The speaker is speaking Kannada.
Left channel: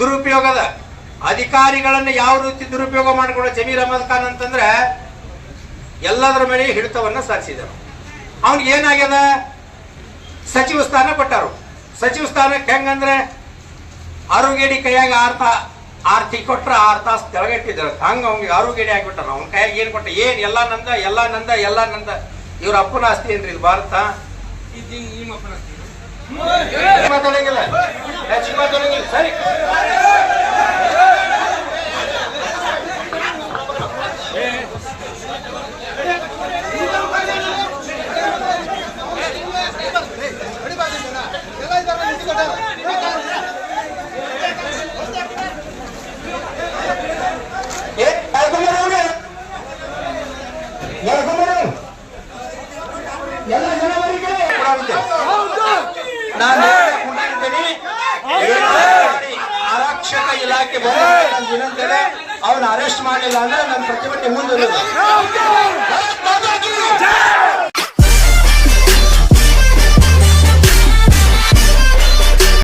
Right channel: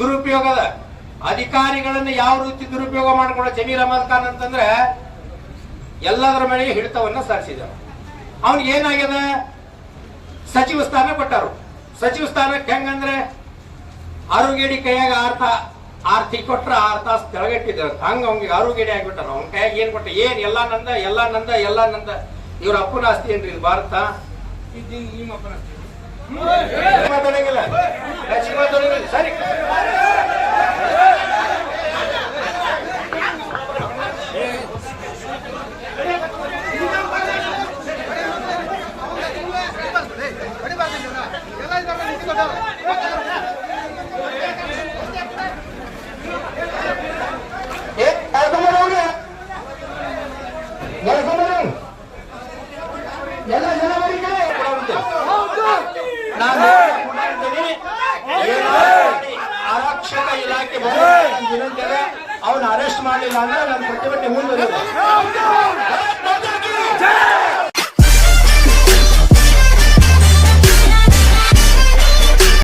ದುರುಪಯೋಗದ ಅಧಿಕಾರಿಗಳನ್ನ ಯಾವ ರೀತಿ ದುರುಪಯೋಗ ಮಾಡಿಕೊಳ್ಳೋ ಜಮೀರ್ ಅಹಮದ್ ಖಾನ್ ಅಂತಂದ್ರೆ ಎಲ್ಲದರ ಮೇಲೆ ಹಿಡಿತವನ್ನ ಸಾಧಿಸಿದರು ಅವನಿಗೆ ಏನಾಗ್ಯದ? ಸಚಿವ ಸ್ಥಾನ ಕೊಟ್ಟರು. ಸಚಿವ ಸ್ಥಾನಕ್ಕೆ ಹೆಂಗಂದ್ರೆ ಆರೋಗ್ಯಡಿ ಕೈಯಾಗ ಆರ್ತ ಆರ್ತಿ ಕೊಟ್ರ ಆರ್ ತಾಸು ತೆಳಗಟ್ಟಿದ್ರು. ಹಂಗ ಅವ್ನಿಗೆ ಆರೋಗ್ಯಡಿ ಆಗಿಬಿಟ್ಟಾರ ಅವ್ನ ಕೈಯಾಗ ಏನ್ ಕೊಟ್ಟ? ಏನ್ ಎಲ್ಲಾ ನಂದ ಎಲ್ಲಾ ನಂದ ಎಲ್ಲಾ ನಂದ. ಇವ್ರ ಅಪ್ಪನ ಆಸ್ತಿ ಏನ್ರಿ ಇದು ಭಾರತ? ಮಾತಾಡಂಗಿಲ್ಲ? ಹೆಚ್ಚಿಗೆ ಮಾತಾಡಂಗಿಲ್ಲ ಸರಿ ಏ ಕರ್ಕೊಂಬರು ಅವ್ನ. ಕರ್ಕೊಂಬರು. ಎಲ್ಲ ಜನ ಬರ್ರಿ ಆರಕ್ಷಕ ಇಲಾಖೆ ಬಂದ ಅವನ ಅರೆಸ್ಟ್ ಮಾಡಲಿಲ್ಲ ಅಂದ್ರೆ ನನ್ನ ಪ್ರತಿಭಟನೆ ಮುಂದುವರಿಯುತ್ತೆ